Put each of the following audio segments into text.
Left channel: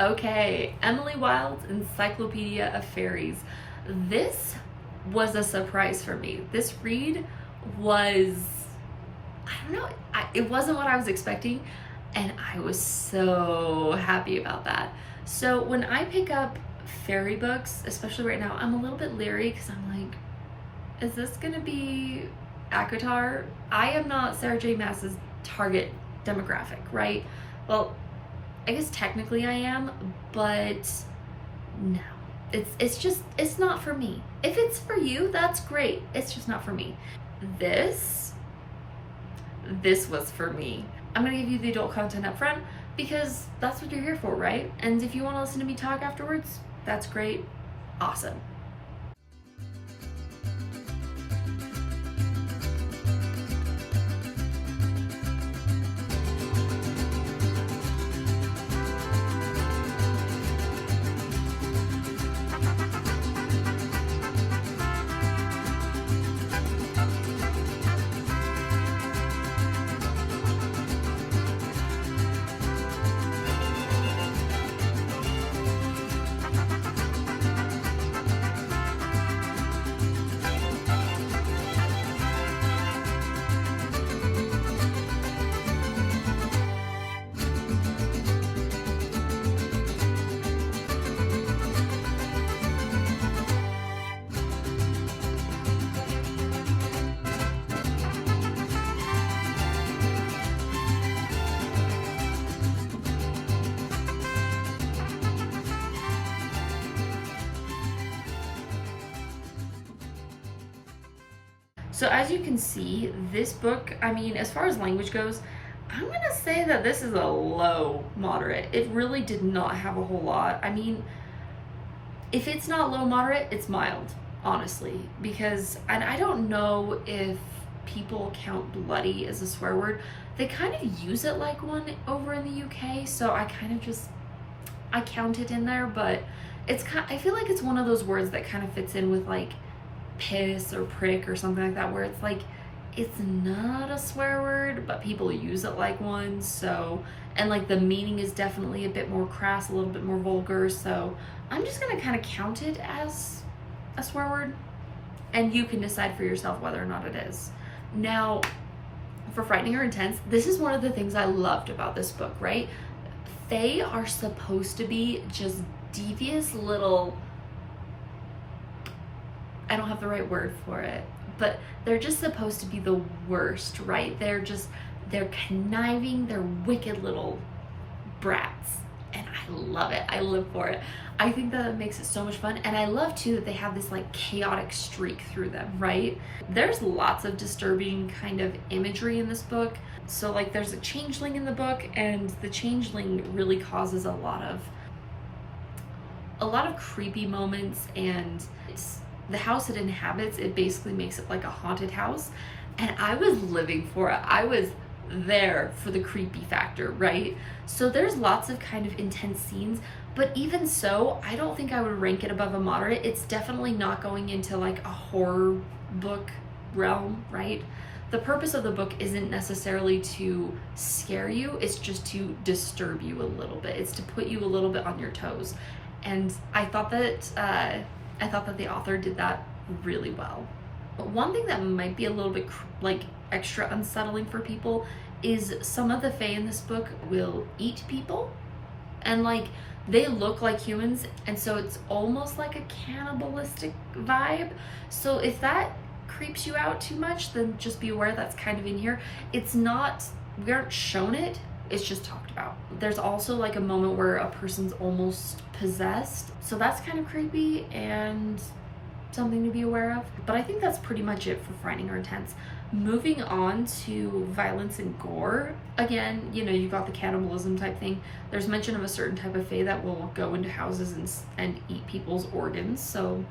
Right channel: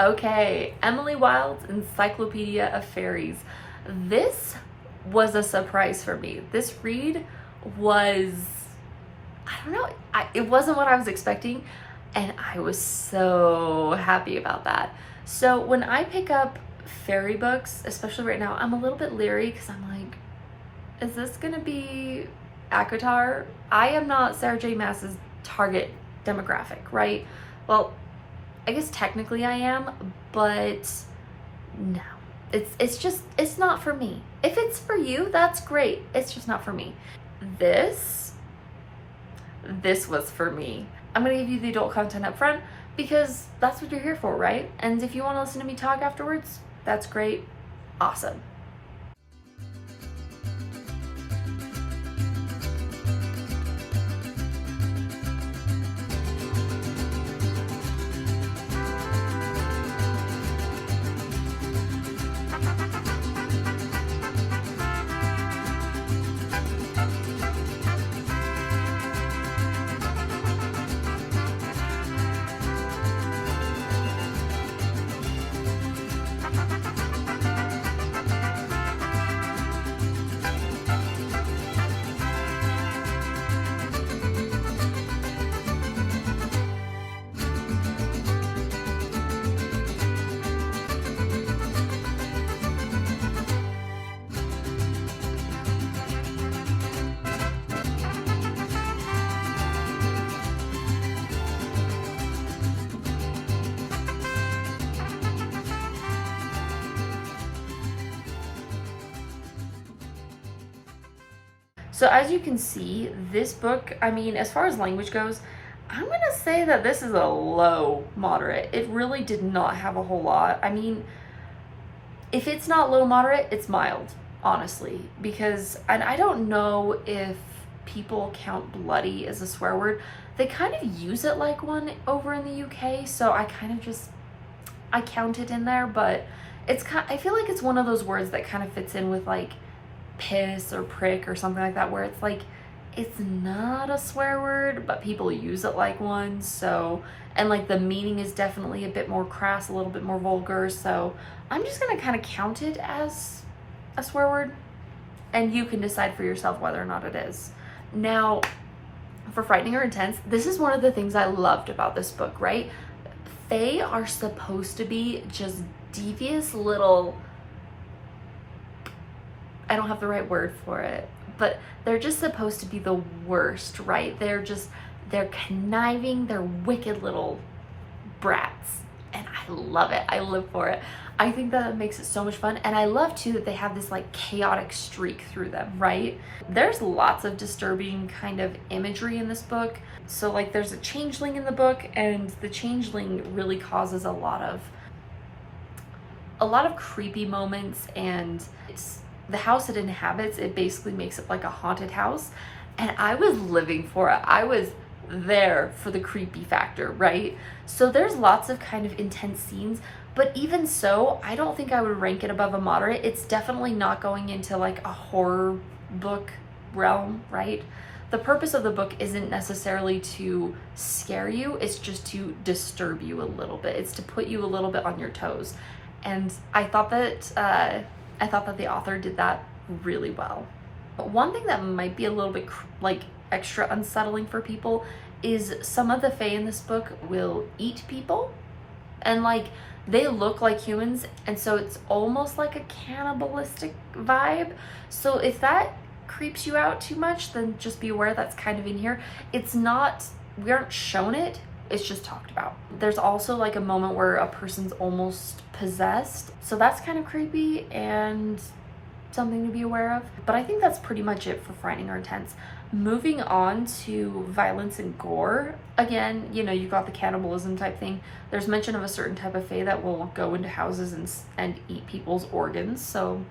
Okay, Emily Wilde's Encyclopedia of Faeries. This was a surprise for me. This read was, I don't know, it wasn't what I was expecting, and I was so happy about that. So when I pick up fairy books, especially right now, I'm a little bit leery because I'm like, is this gonna be ACOTAR? I am not Sarah J. Maas's target demographic, right? Well, I guess technically I am, but no. It's not for me. If it's for you, that's great. It's just not for me. This was for me. I'm gonna give you the adult content up front because that's what you're here for, right? And if you want to listen to me talk afterwards, that's great. Awesome. So as you can see, this book, I mean, as far as language goes, I'm gonna say that this is a low moderate. It really did not have a whole lot. I mean, if it's not low moderate, it's mild, honestly, because, and I don't know if people count bloody as a swear word. They kind of use it like one over in the UK, so I kind of just, I count it in there, but it's kind, I feel like it's one of those words that kind of fits in with like piss or prick or something like that, where it's like, it's not a swear word, but people use it like one. So, and like the meaning is definitely a bit more crass, a little bit more vulgar. So I'm just gonna kind of count it as a swear word, and you can decide for yourself whether or not it is. Now, for frightening or intense, this is one of the things I loved about this book, right? Fae are supposed to be just devious little, I don't have the right word for it, but they're just supposed to be the worst, right? They're conniving, they're wicked little brats, and I love it. I live for it. I think that makes it so much fun, and I love too that they have this like chaotic streak through them, right? There's lots of disturbing kind of imagery in this book. So like there's a changeling in the book, and the changeling really causes a lot of creepy moments, and the house it inhabits, it basically makes it like a haunted house, and I was living for it. I was there for the creepy factor, right? So there's lots of kind of intense scenes, but even so, I don't think I would rank it above a moderate. It's definitely not going into like a horror book realm, right? The purpose of the book isn't necessarily to scare you, it's just to disturb you a little bit. It's to put you a little bit on your toes. And I thought that the author did that really well. But one thing that might be a little bit like extra unsettling for people is some of the fae in this book will eat people, and like they look like humans, and so it's almost like a cannibalistic vibe. So if that creeps you out too much, then just be aware that's kind of in here. It's not, we aren't shown it, it's just talked about. There's also like a moment where a person's almost possessed, so that's kind of creepy and something to be aware of. But I think that's pretty much it for frightening or intense. Moving on to violence and gore, again, you know, you've got the cannibalism type thing. There's mention of a certain type of fae that will go into houses and eat people's organs, so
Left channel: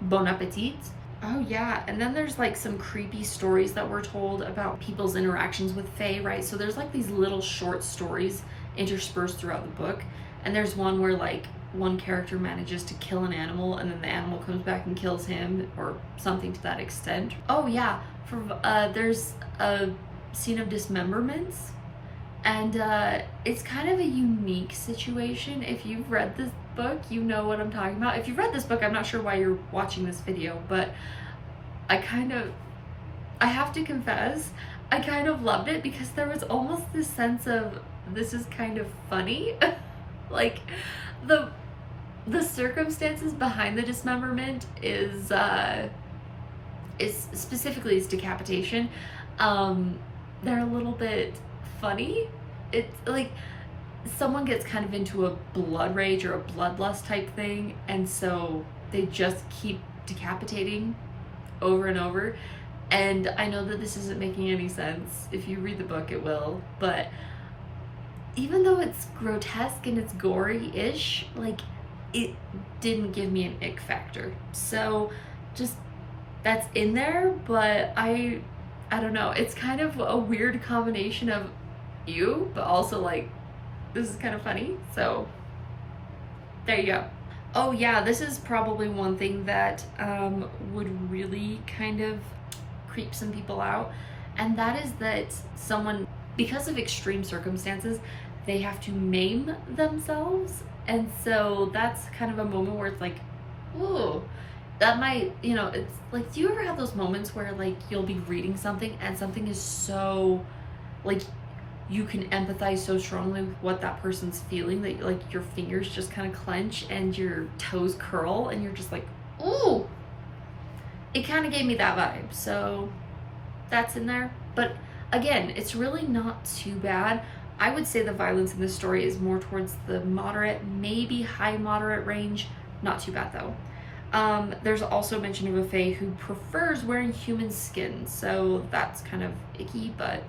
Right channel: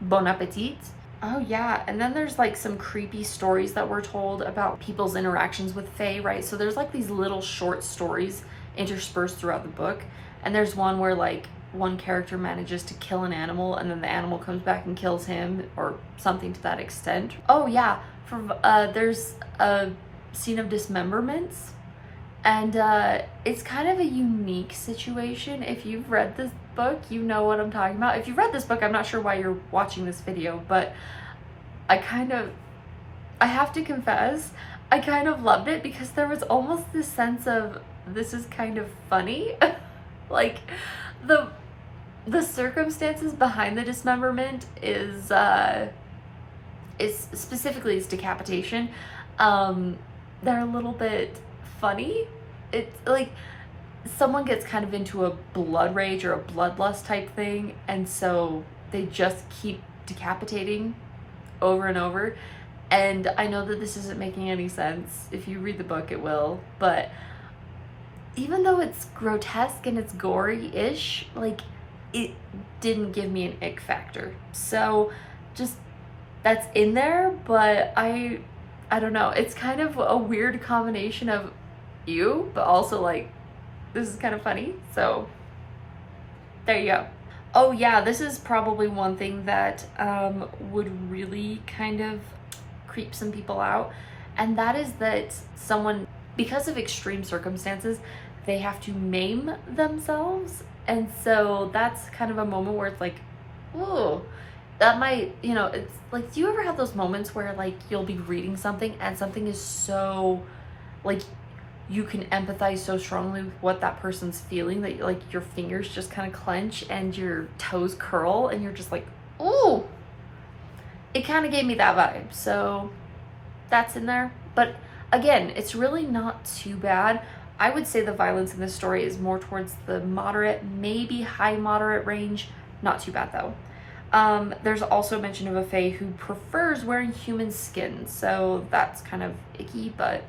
bon appetit. Oh yeah, and then there's like some creepy stories that we're told about people's interactions with fae, right? So there's like these little short stories interspersed throughout the book, and there's one where like one character manages to kill an animal, and then the animal comes back and kills him, or something to that extent. Oh yeah, there's a scene of dismemberments, And it's kind of a unique situation. If you've read this book, you know what I'm talking about. If you've read this book, I'm not sure why you're watching this video, but I have to confess, I kind of loved it because there was almost this sense of, this is kind of funny. Like, the circumstances behind the dismemberment is specifically its decapitation. They're a little bit funny. It's like someone gets kind of into a blood rage or a bloodlust type thing, and so they just keep decapitating over and over. And I know that this isn't making any sense. If you read the book, it will. But even though it's grotesque and it's gory-ish, like, it didn't give me an ick factor. So just, that's in there, but I don't know. It's kind of a weird combination of ew, but also like, this is kind of funny. So there you go. Oh yeah, this is probably one thing that would really kind of creep some people out, and that is that someone, because of extreme circumstances, they have to maim themselves. And so that's kind of a moment where it's like, ooh, that might, you know, it's like, do you ever have those moments where like you'll be reading something and something is so, like, you can empathize so strongly with what that person's feeling that like your fingers just kind of clench and your toes curl and you're just like, ooh. It kind of gave me that vibe, so that's in there. But again, it's really not too bad. I would say the violence in this story is more towards the moderate, maybe high moderate range. Not too bad though. There's also mention of a fae who prefers wearing human skin, so that's kind of icky, but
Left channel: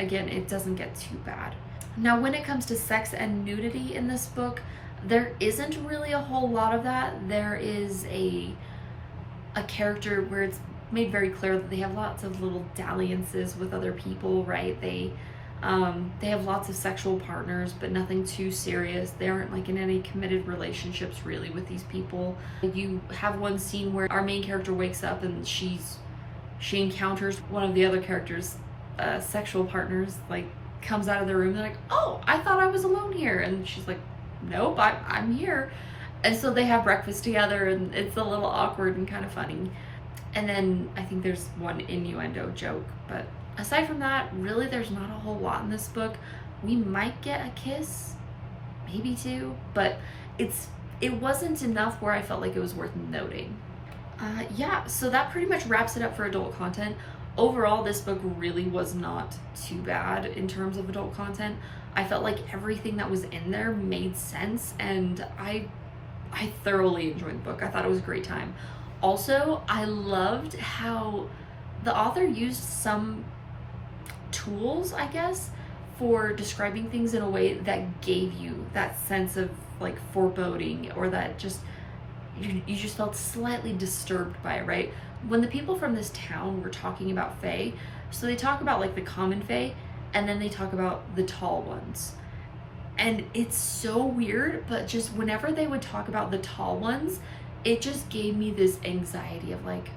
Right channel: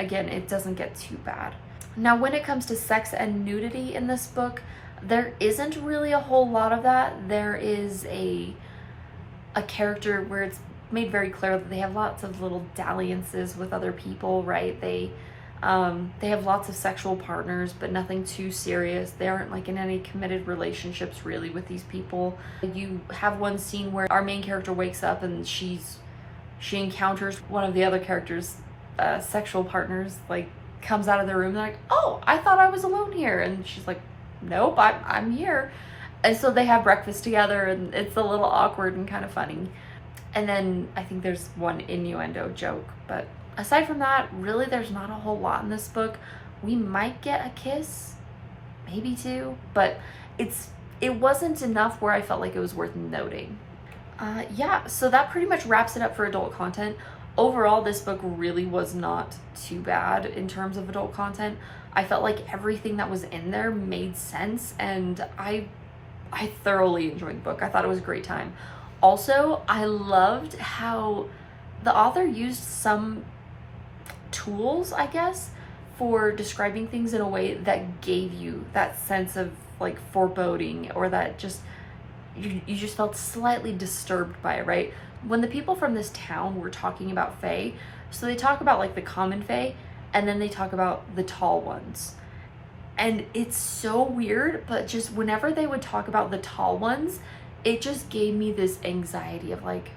again, it doesn't get too bad. Now, when it comes to sex and nudity in this book, there isn't really a whole lot of that. There is a character where it's made very clear that they have lots of little dalliances with other people, right? They have lots of sexual partners, but nothing too serious. They aren't like in any committed relationships really with these people. You have one scene where our main character wakes up and she encounters one of the other characters' sexual partners, like comes out of the room. They're like, oh, I thought I was alone here. And she's like, nope, I'm here. And so they have breakfast together, and it's a little awkward and kind of funny. And then I think there's one innuendo joke, but aside from that, really there's not a whole lot in this book. We might get a kiss, maybe two, but it wasn't enough where I felt like it was worth noting. Yeah, so that pretty much wraps it up for adult content. Overall, this book really was not too bad in terms of adult content. I felt like everything that was in there made sense, and I thoroughly enjoyed the book. I thought it was a great time. Also, I loved how the author used some tools, I guess, for describing things in a way that gave you that sense of like foreboding, or that just you just felt slightly disturbed by it, right? When the people from this town were talking about fae, so they talk about like the common fae, and then they talk about the tall ones. And it's so weird, but just whenever they would talk about the tall ones, it just gave me this anxiety of like,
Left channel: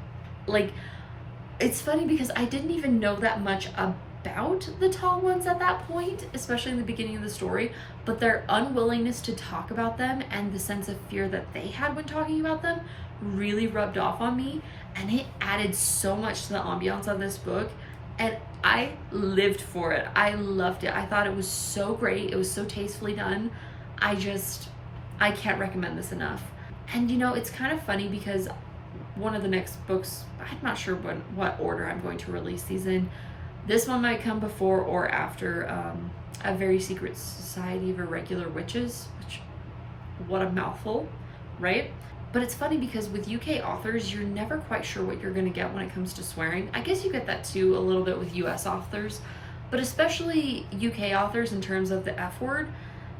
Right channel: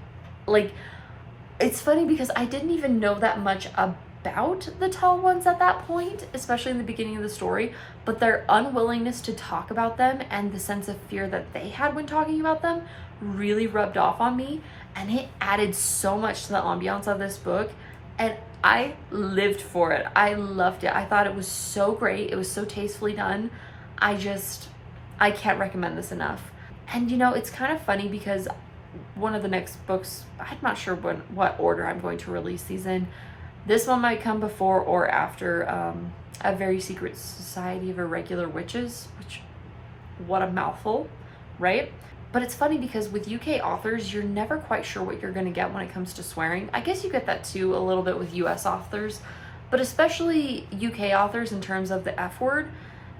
it's funny because I didn't even know that much about the tall ones at that point, especially in the beginning of the story, but their unwillingness to talk about them and the sense of fear that they had when talking about them really rubbed off on me, and it added so much to the ambiance of this book, and I lived for it. I loved it. I thought it was so great. It was so tastefully done. I can't recommend this enough. And you know, it's kind of funny because one of the next books, I'm not sure what order I'm going to release these in. This one might come before or after A Very Secret Society of Irregular Witches, which, what a mouthful, right? But it's funny because with UK authors, you're never quite sure what you're going to get when it comes to swearing. I guess you get that too a little bit with US authors, but especially UK authors in terms of the F word,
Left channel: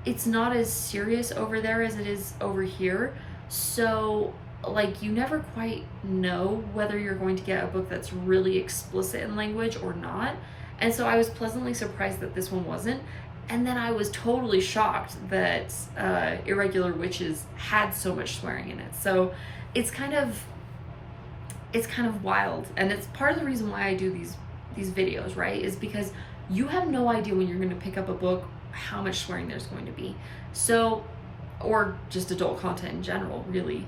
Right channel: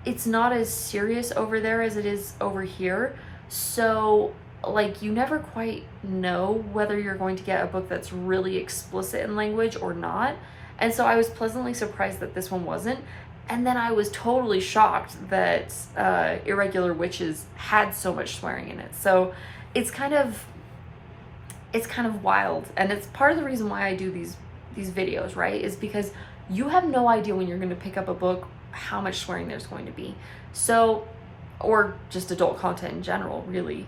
it's not as serious over there as it is over here. So like, you never quite know whether you're going to get a book that's really explicit in language or not. And so I was pleasantly surprised that this one wasn't. And then I was totally shocked that Irregular Witches had so much swearing in it. So it's kind of wild. And it's part of the reason why I do these videos, right? Is because you have no idea when you're going to pick up a book how much swearing there's going to be. So, or just adult content in general, really.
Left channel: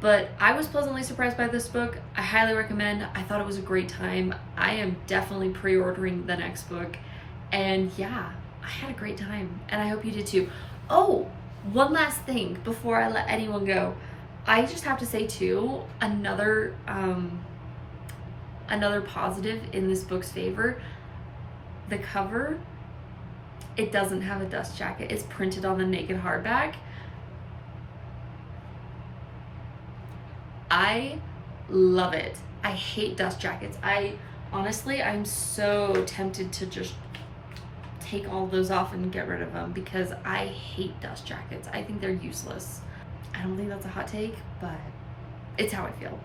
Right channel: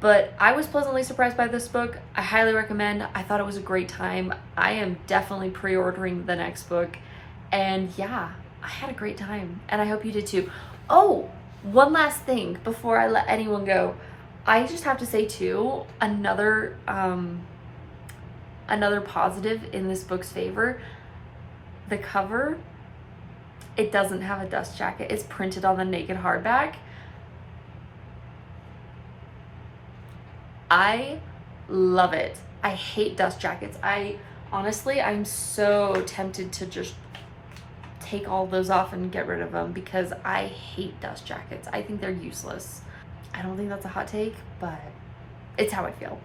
But I was pleasantly surprised by this book. I highly recommend. I thought it was a great time. I am definitely pre-ordering the next book. And yeah, I had a great time. And I hope you did too. Oh, one last thing before I let anyone go. I just have to say too, another positive in this book's favor, the cover, it doesn't have a dust jacket. It's printed on the naked hardback. I love it. I hate dust jackets. Honestly, I'm so tempted to just take all those off and get rid of them because I hate dust jackets. I think they're useless. I don't think that's a hot take, but it's how I feel.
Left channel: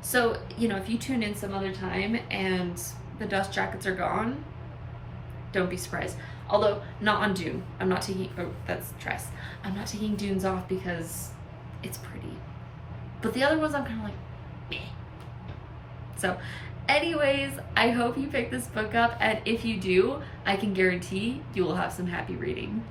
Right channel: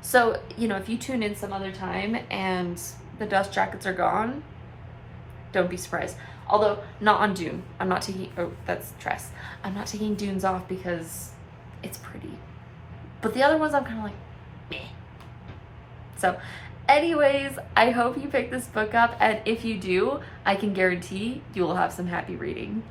So, if you tune in some other time and the dust jackets are gone, don't be surprised. Although, not on Dune. I'm not taking, that's Tress. I'm not taking Dunes off because it's pretty. But the other ones I'm kind of like, meh. So, anyways, I hope you pick this book up, and if you do, I can guarantee you will have some happy reading.